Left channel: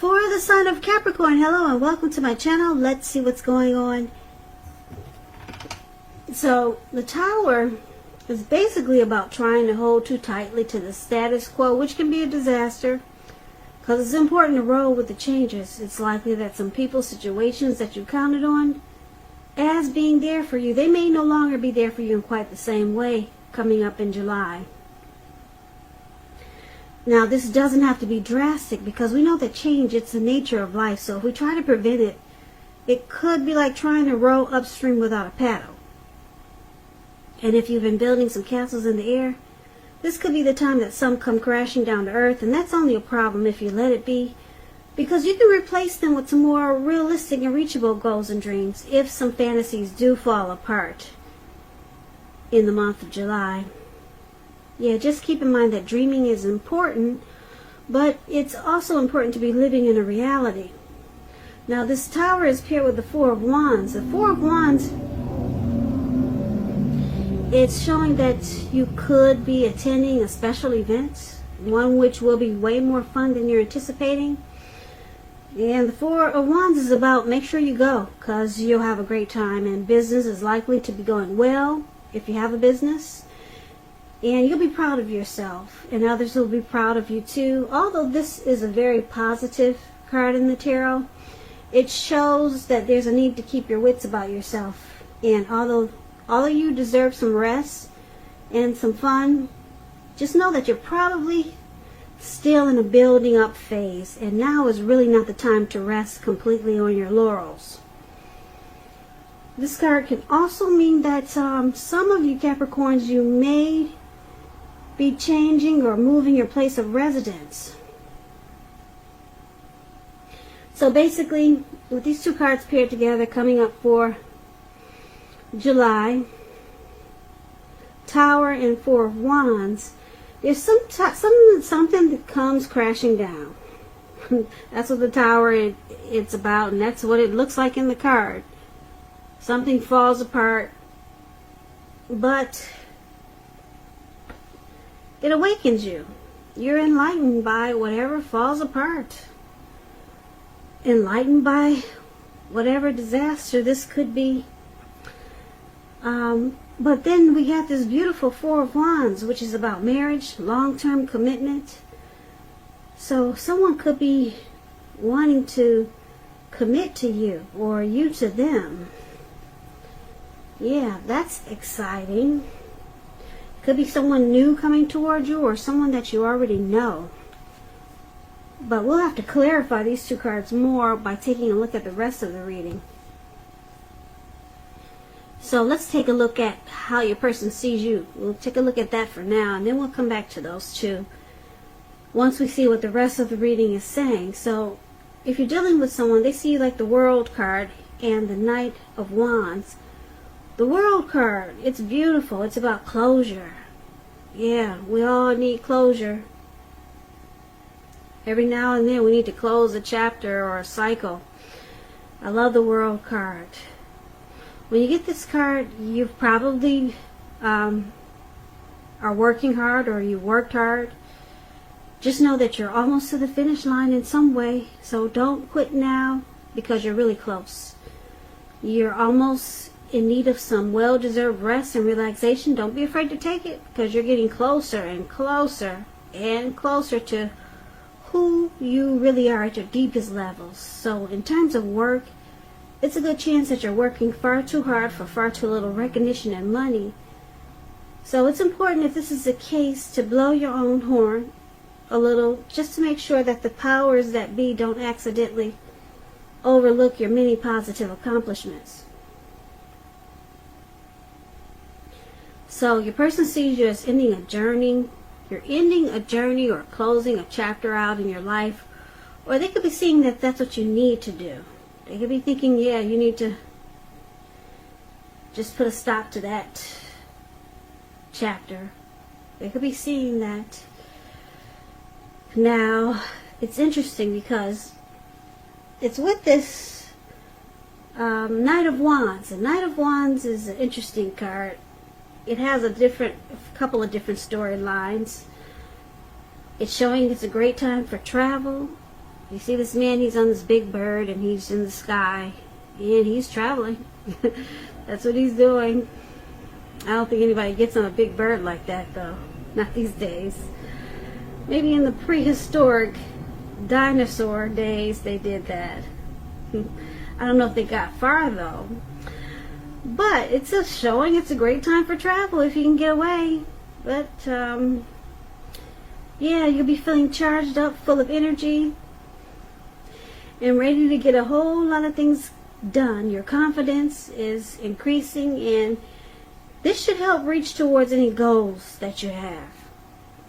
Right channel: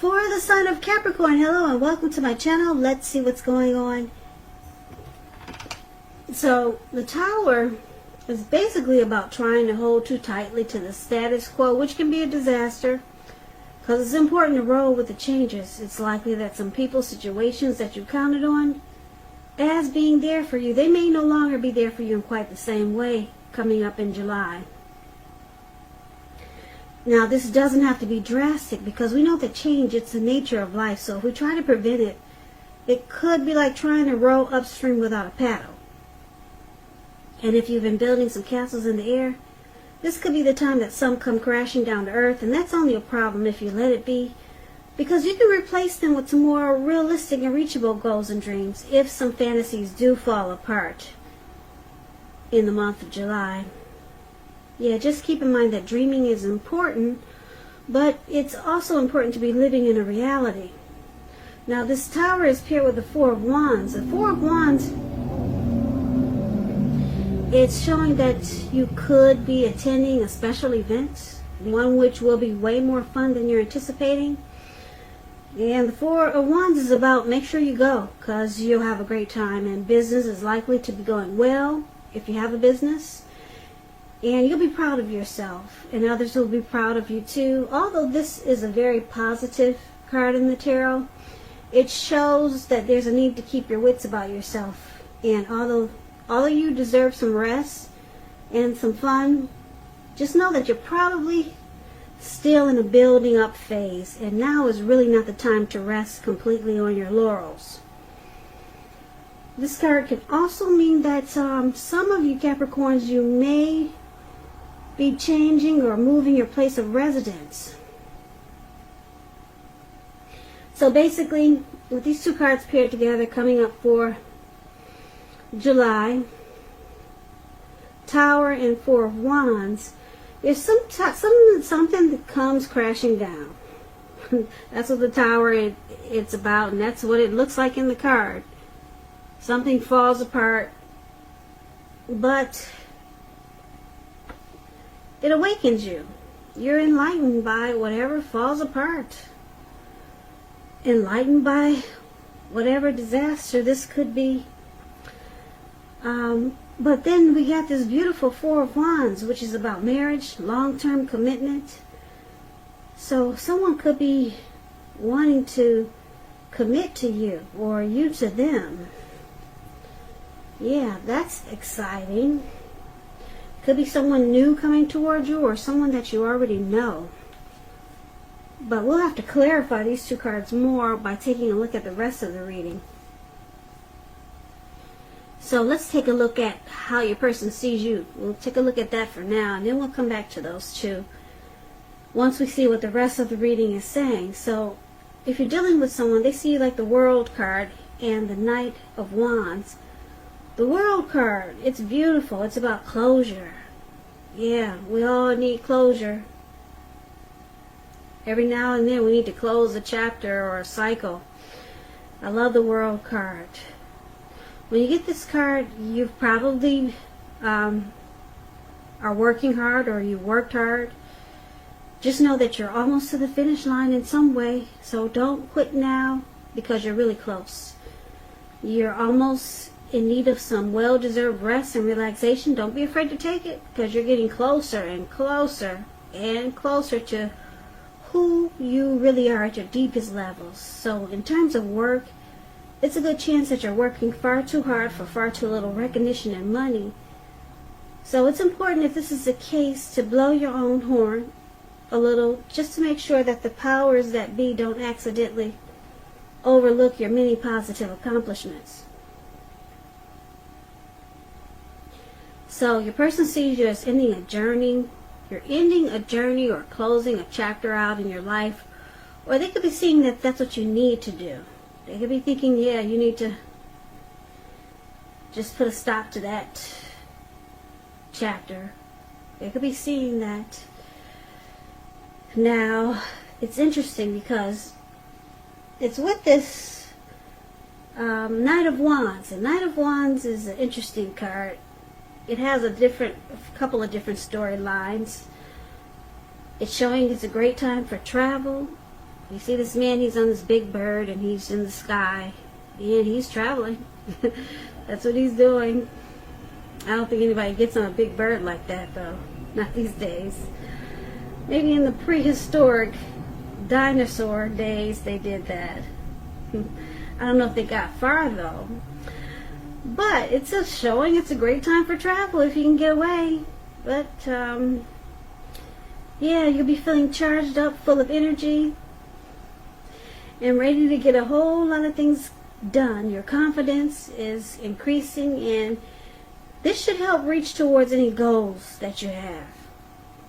For the sign of Capricorn, hello and welcome to my channel. Let's see what's going on. So, the Tower is basically about trying to hold too tightly to the status quo, which can be a disaster. Because it's important to roll with the changes. It's likely that some people, situations that you counted on as being there for you, they may no longer be there for you in quite the same way coming up in July. Now, this doesn't have to be drastic because we know that change, it's the nature of life. So if we try to prevent it, it could be like trying to row upstream without a paddle. And if you've been building some castles in the air, this could be the time that some come crashing down to earth. And that's only a problem if you let it be, because you can replace them with some more realistic and reachable goals and dreams if some fantasies do fall apart in the month of July. Yeah, just keep in mind that dreaming is important, but it's also important to be living in a reality. Now, this Tower is paired with the Four of Wands. The Four of Wands, it's showing that you could be attending a special event, one which will be way more fun than you're anticipating. And the Four of Wands is about make sure you go, because you'll have a great time, and business is likely to be going well if you have a business. And you'll be proud of yourself, and others will be proud of you too. Although this is a very positive card in the tarot, it shows that there's a need to keep your wits about yourself. And although you deserve some rest and some fun, just know that you're probably still in a building up phase, and now is really not the time to rest completely on your laurels. This card can also mean that some of you Capricorns, you may be changing or moving your place of residence. So basically, with these two cards paired together coming up for July, Tower and Four of Wands, there's something that comes crashing down. That's what the Tower it's about, and that's what it looks like in the card. Something falls apart, but it awakens you. You're enlightened by whatever falls apart. Enlightened by whatever disaster this could be. But then we got this beautiful Four of Wands, which is about marriage, long-term commitment. So someone could be wanting to commit to you, or you to them. Yeah, that's exciting. Could be someone new coming towards you, or someone that you already know. But we'll have to clarify these two cards more by taking a look at the rest of the reading. So let's take a look at how your person sees you. We'll take a look at that for now, and then we'll come back to those two once we see what the rest of the reading is saying. So if you're dealing with someone, they see you like the World card and the Knight of Wands. The World card, it's beautiful. It's about closure. Yeah, we all need closure. Every now and then we need to close a chapter or a cycle. I love the World card. When you get this card, you probably are working hard, or you worked hard. Just know that you're almost to the finish line in some way. So don't quit now, because you're really close. You're almost in need of some well-deserved rest and relaxation. Don't be afraid to take it, because you're getting closer and closer and closer to who you really are at your deepest levels. So in terms of work, it's a good chance that you're working far too hard for far too little recognition and money. So it's important, if this is the case, to blow your own horn a little, just to make sure that the powers that be don't accidentally overlook your many positive accomplishments. So your person sees you as ending a journey. You're ending a journey or closing a chapter out in your life. Or they could be seeing that that's what you need to do. They could be thinking, yeah, you need to just put a stop to that chapter. They could be seeing that. Now, it's interesting because it's with this Knight of Wands. And Knight of Wands is an interesting card. It has a couple of different storylines. It's showing it's a great time for travel. You see this man, he's on this big bird and he's in the sky and he's traveling. That's what he's doing. I don't think anybody gets on a big bird like that though. Not these days. Maybe in the prehistoric dinosaur days they did that. I don't know if they got far though. But it's a showing it's a great time for travel if you can get away. But yeah, you'll be feeling charged up, full of energy, and ready to get a whole lot of things done. Your confidence is increasing, and this should help reach towards any goals that you have.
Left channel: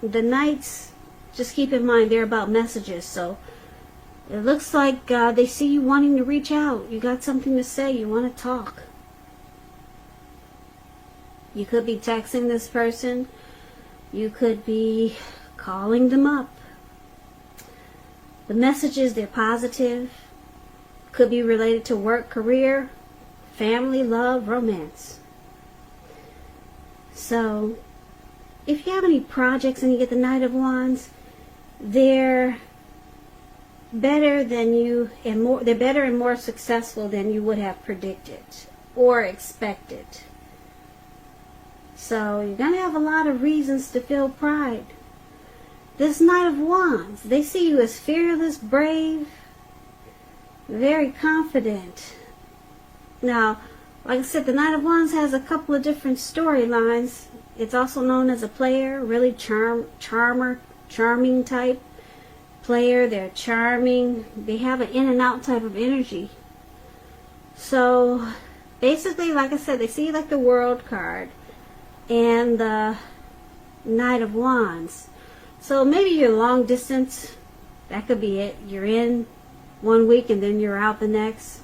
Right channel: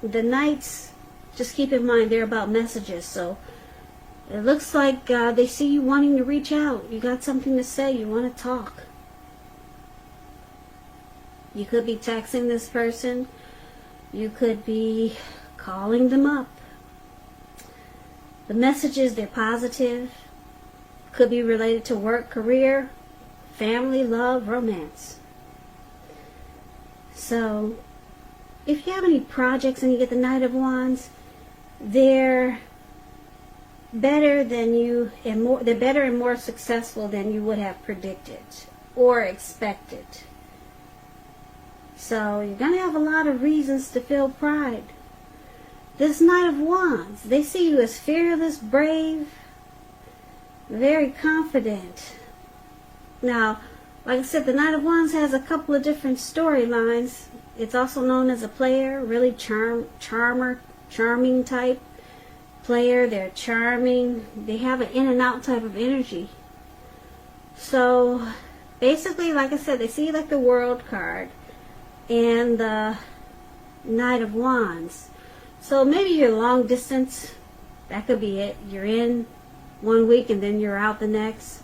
The Knights, just keep in mind, they're about messages, so it looks like they see you wanting to reach out. You got something to say, you want to talk. You could be texting this person. You could be calling them up. The messages, they're positive. Could be related to work, career, family, love, romance. So, if you have any projects and you get the Knight of Wands, they're better than you, and they're better and more successful than you would have predicted or expected. So you're going to have a lot of reasons to feel pride. This Knight of Wands, they see you as fearless, brave, very confident. Now, like I said, the Knight of Wands has a couple of different storylines. It's also known as a player, really charming type player. They're charming. They have an in and out type of energy. So, basically, like I said, they see like the World card and the Knight of Wands. So maybe you're long distance. That could be it. You're in one week and then you're out the next.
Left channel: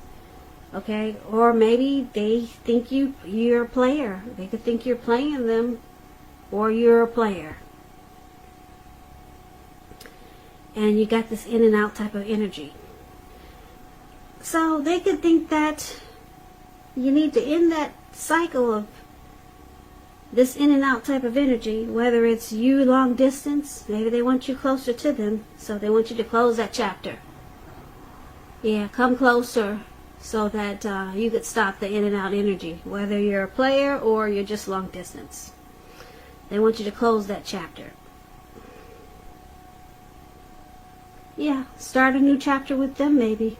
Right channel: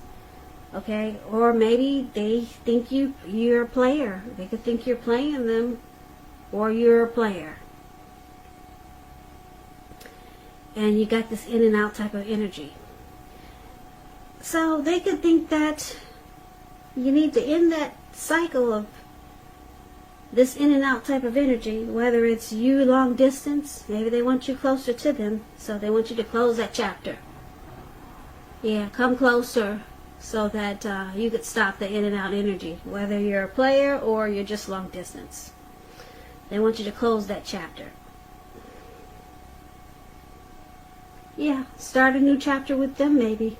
Okay? Or maybe they think you're a player. They could think you're playing them, or you're a player. And you got this in and out type of energy. So they could think that you need to end that cycle of this in and out type of energy, whether it's you long distance, maybe they want you closer to them, so they want you to close that chapter. Yeah, come closer so that you could stop the in and out energy, whether you're a player or you're just long distance. They want you to close that chapter. Yeah, start a new chapter with them maybe.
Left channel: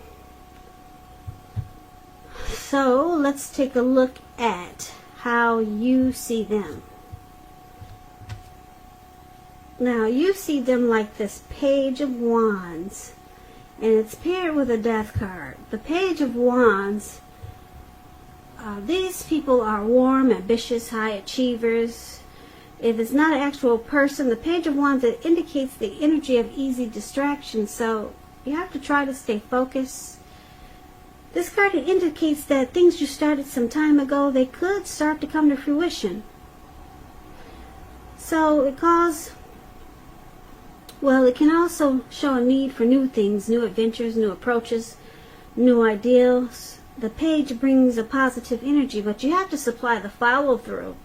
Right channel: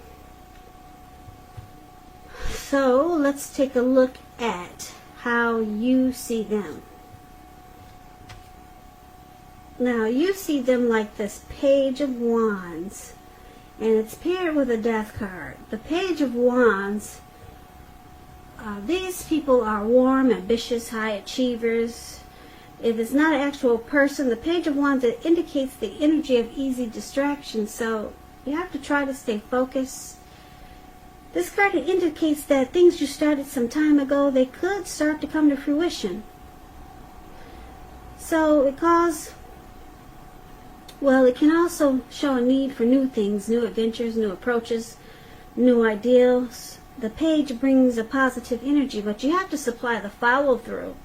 So let's take a look at how you see them. Now you see them like this Page of Wands, and it's paired with a Death card. The Page of Wands, these people are warm, ambitious, high achievers. If it's not an actual person, the Page of Wands, it indicates the energy of easy distraction, so you have to try to stay focused. This card indicates that things you started some time ago, they could start to come to fruition. So it can also show a need for new things, new adventures, new approaches, new ideals. The Page brings a positive energy, but you have to supply the follow through.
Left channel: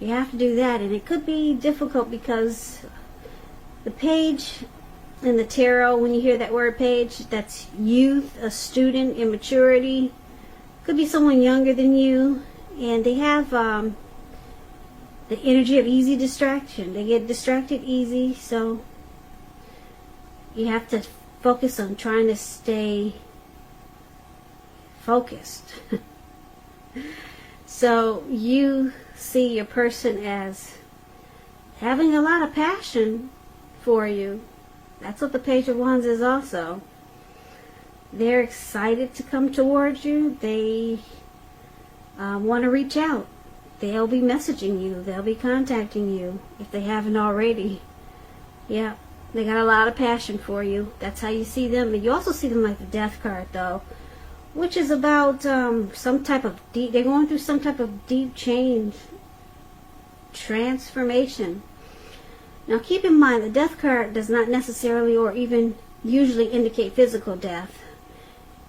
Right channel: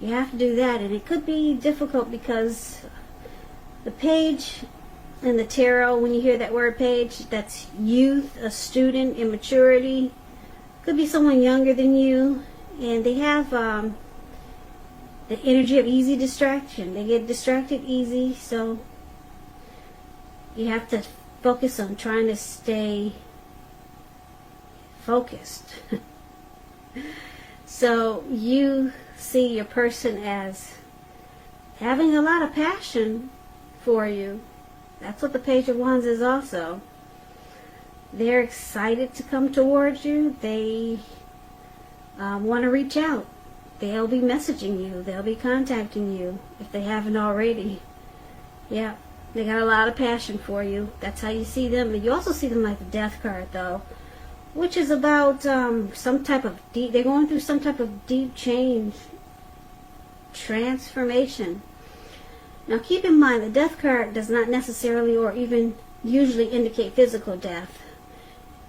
You have to do that, and it could be difficult because the Page in the tarot, when you hear that word page, that's youth, a student, immaturity. Could be someone younger than you, and they have the energy of easy distraction. They get distracted easy, so you have to focus on trying to stay focused. So you see your person as having a lot of passion for you. That's what the Page of Wands is also. They're excited to come towards you. They want to reach out. They'll be messaging you. They'll be contacting you if they haven't already. Yeah, they got a lot of passion for you. That's how you see them. And you also see them like the Death card, though, which is about some type of deep, they're going through some type of deep change, transformation. Now keep in mind, the Death card does not necessarily or even usually indicate physical death.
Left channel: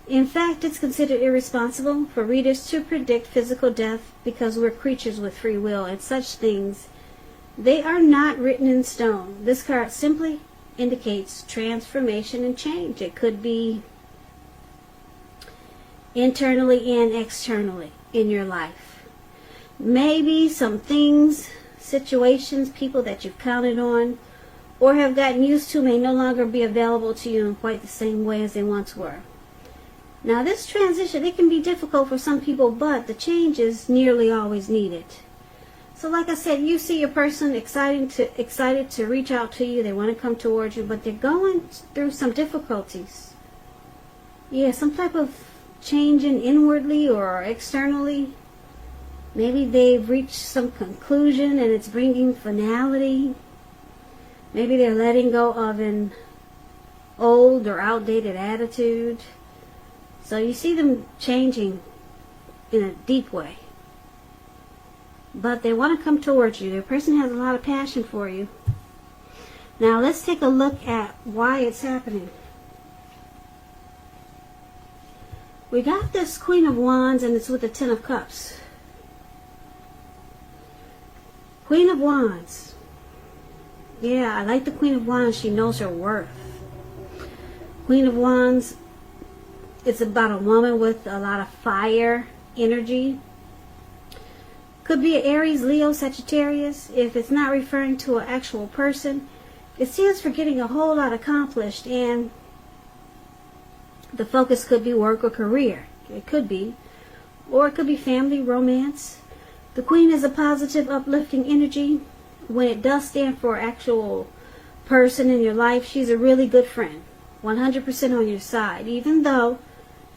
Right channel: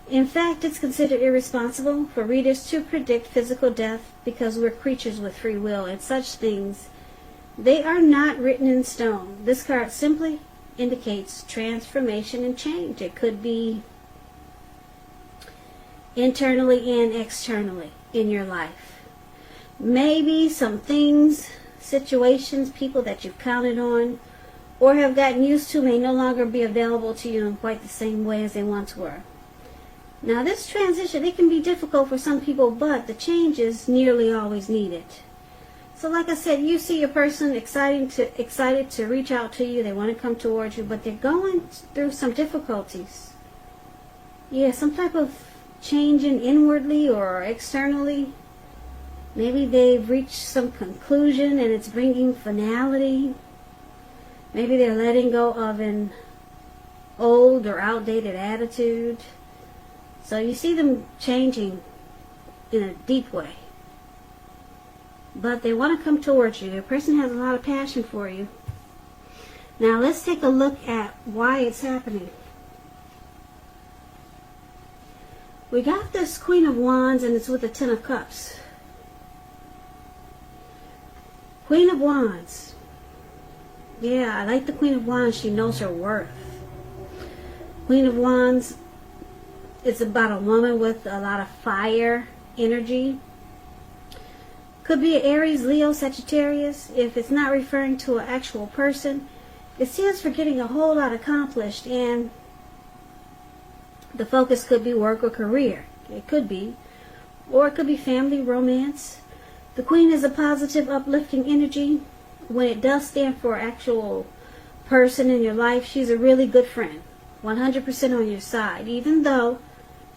In fact, it's considered irresponsible for readers to predict physical death because we're creatures with free will, and such things, they are not written in stone. This card simply indicates transformation and change. It could be internally and externally in your life. Maybe some things, situations, people that you've counted on or have gotten used to may no longer be available to you in quite the same way as they once were. Now this transition, it can be difficult for some people, but the change is nearly always needed. So like I said, you see your person excited to reach out to you. They want to come towards you, but they're going through some difficulties. Yeah, some type of changing inwardly or externally. Maybe they've reached some conclusion and it's bringing finality. Maybe they're letting go of an old or outdated attitude. So you see them changing in a deep way. But they want to come towards you. The person has a lot of passion for you. Now let's take a look at why it's happening. We got this Queen of Wands and it's with the Ten of Cups. Queen of Wands. Yeah, I like the Queen of Wands. She knows her worth. Queen of Wands, it's about a woman with a lot of fire energy. Could be an Aries, Leo, Sagittarius. If it's not referring to an actual person, it stands for getting a whole lot accomplished, and the focus could be work or career. It could be. Or it could be family, romance. The Queen is a positive, uplifting energy. When it does stand for an actual person in your life, she's a really good friend. 100% on your side, even though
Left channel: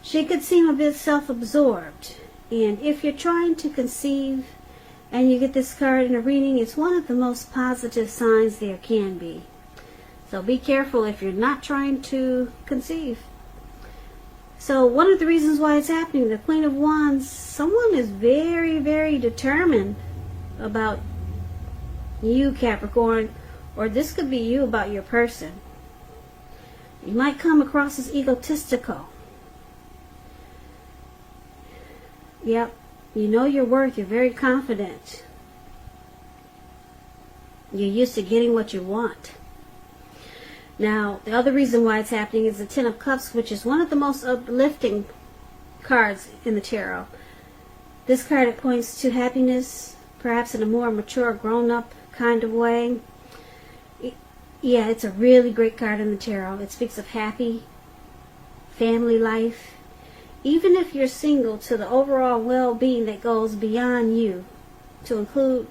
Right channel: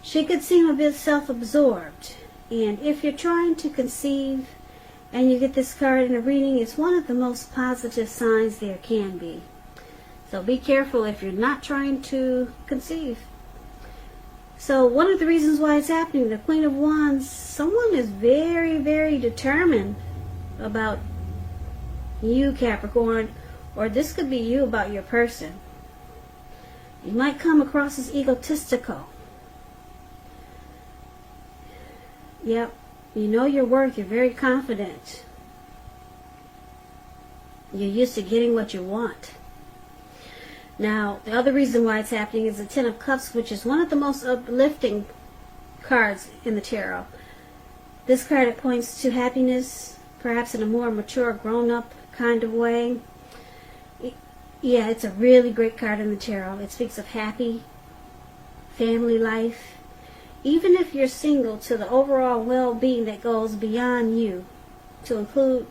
she could seem a bit self-absorbed. And if you're trying to conceive and you get this card in a reading, it's one of the most positive signs there can be. So be careful if you're not trying to conceive. So one of the reasons why it's happening, the Queen of Wands, someone is very, very determined about you, Capricorn, or this could be you about your person. You might come across as egotistical. Yep, you know your worth, you're very confident. You're used to getting what you want. Now, the other reason why it's happening is the Ten of Cups, which is one of the most uplifting cards in the tarot. This card points to happiness, perhaps in a more mature, grown-up kind of way. Yeah, it's a really great card in the tarot. It speaks of happy family life. Even if you're single, to the overall well-being that goes beyond you, to include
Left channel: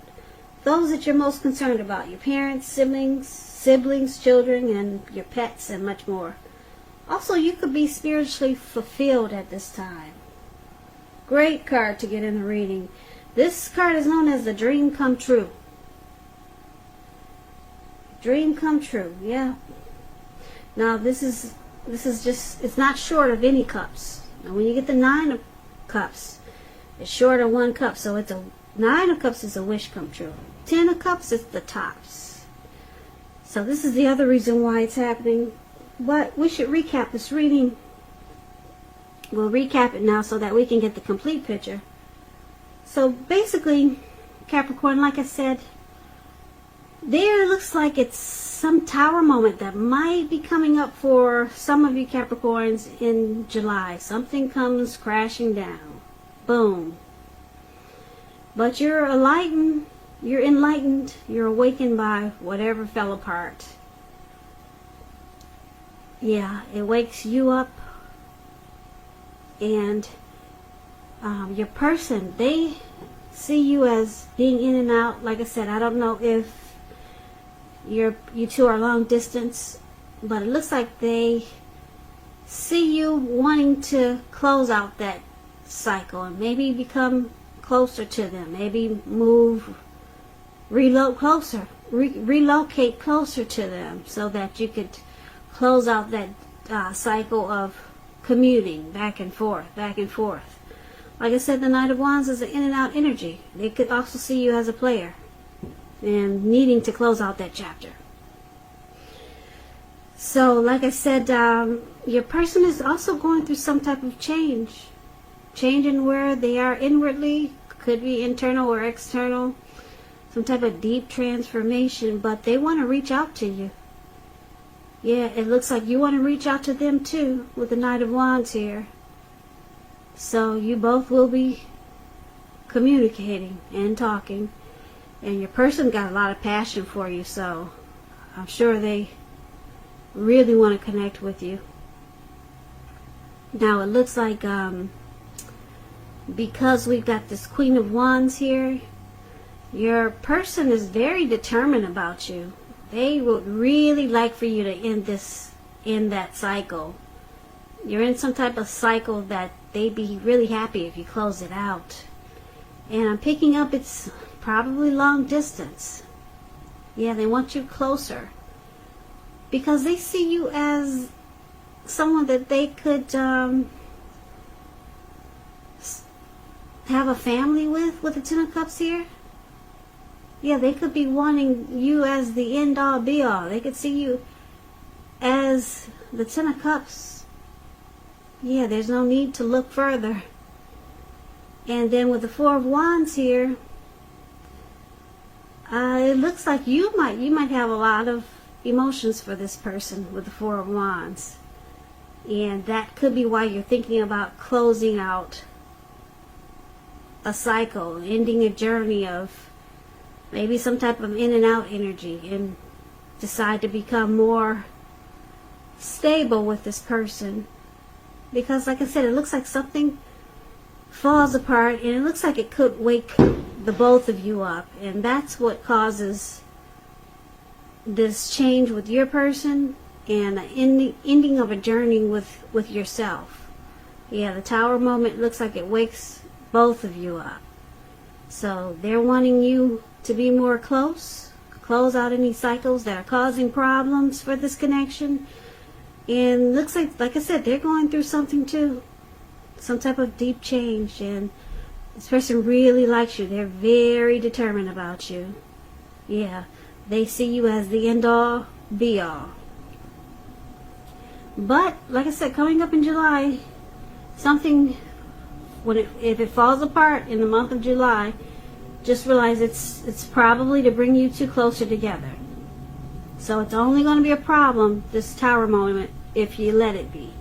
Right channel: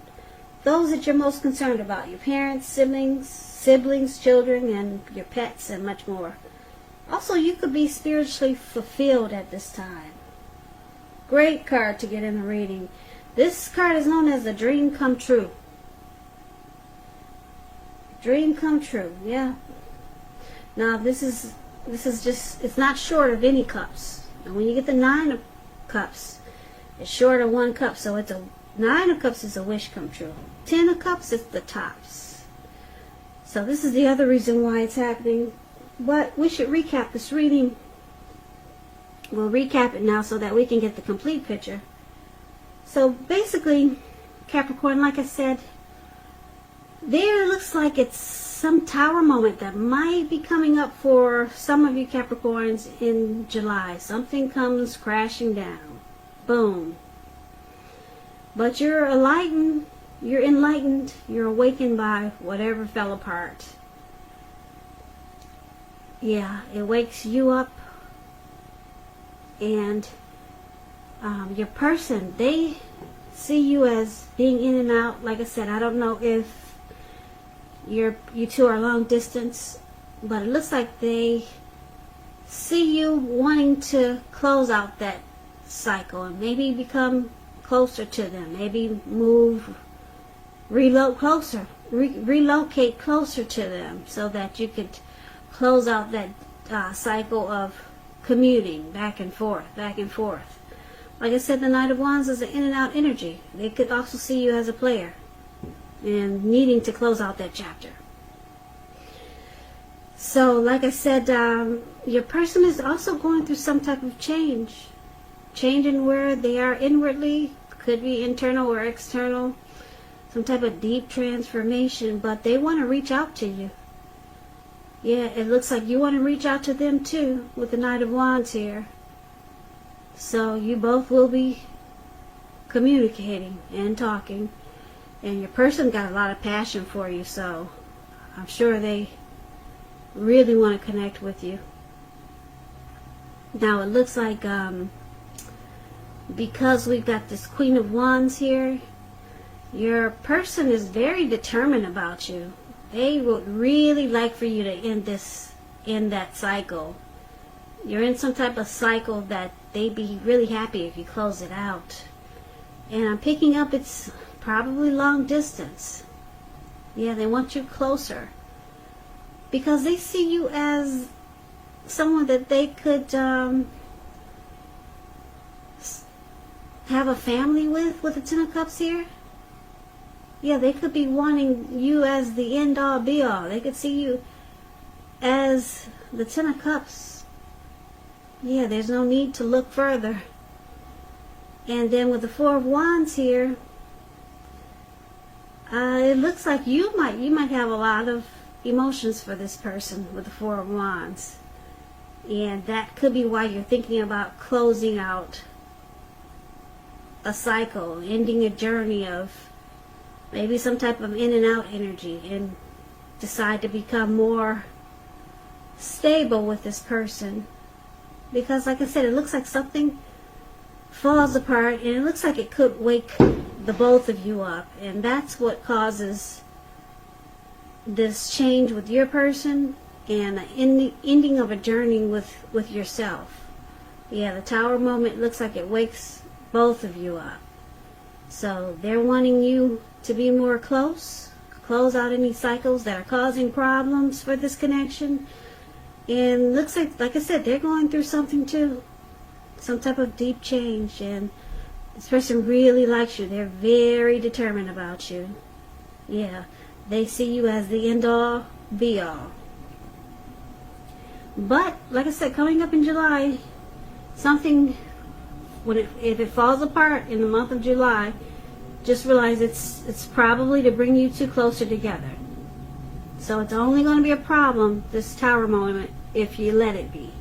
those that you're most concerned about, your parents, siblings, children, and your pets, and much more. Also, you could be spiritually fulfilled at this time. Great card to get in the reading. This card is known as the dream come true. Dream come true, yeah. Now, this is just, it's not short of any cups. And when you get the Nine of Cups, it's short of one cup. So it's a Nine of Cups is a wish come true. Ten of Cups is the tops. So this is the other reason why it's happening. But we should recap this reading. We'll recap it now so that we can get the complete picture. So basically, Capricorn, like I said, there looks like it's some tower moment that might be coming up for some of you Capricorns in July. Something comes crashing down. Boom. But you're enlightened, you're awakened by whatever fell apart. Yeah, it wakes you up. And your person, they see you as being in and out. Like I said, I don't know if you two are long distance, but it looks like they see you wanting to close out that cycle and maybe become closer to them. Maybe relocate closer to them so that you could close out that cycle of commuting back and forth. Like I said, the Knight of Wands is an in and out energy. They could also see you as a player and needing to close out that chapter. So, like I said, your person is also going through some type of change. Changing where they are inwardly, could be internal or external. Some type of deep transformation, but they want to reach out to you. Yeah, it looks like you want to reach out to them too with the Knight of Wands here. So you both will be communicating and talking. And your person got a lot of passion for you, so I'm sure they really want to connect with you. Now it looks like because we've got this Queen of Wands here, your person is very determined about you. They would really like for you to end that cycle. You're in some type of cycle that they'd be really happy if you close it out. And I'm picking up it's probably long distance. Yeah, they want you closer. Because they see you as someone that they could have a family with the Ten of Cups here. Yeah, they could be wanting you as the end-all, be-all. They could see you as the Ten of Cups. Yeah, there's no need to look further. And then with the Four of Wands here, it looks like you might have a lot of emotions for this person with the Four of Wands. And that could be why you're thinking about closing out a cycle, ending a journey of maybe some type of in and out energy, and decide to become more stable with this person. Because like I said, it looks like something falls apart, and it looks like it could wake the both of you up, and that's what causes this change with your person and the ending of a journey with yourself. Yeah, the Tower moment looks like it wakes both of you up. So they're wanting you to be more close, close out any cycles that are causing problems for this connection. And looks like I said, they're going through something too. Some type of deep change, and this person really likes you. They're very determined about you. Yeah, they see you as the end-all, be-all. But, like I said, coming up in July, something, if it falls apart in the month of July, just realize it's probably to bring you two closer together. So it's only going to be a problem, this Tower moment, if you let it be.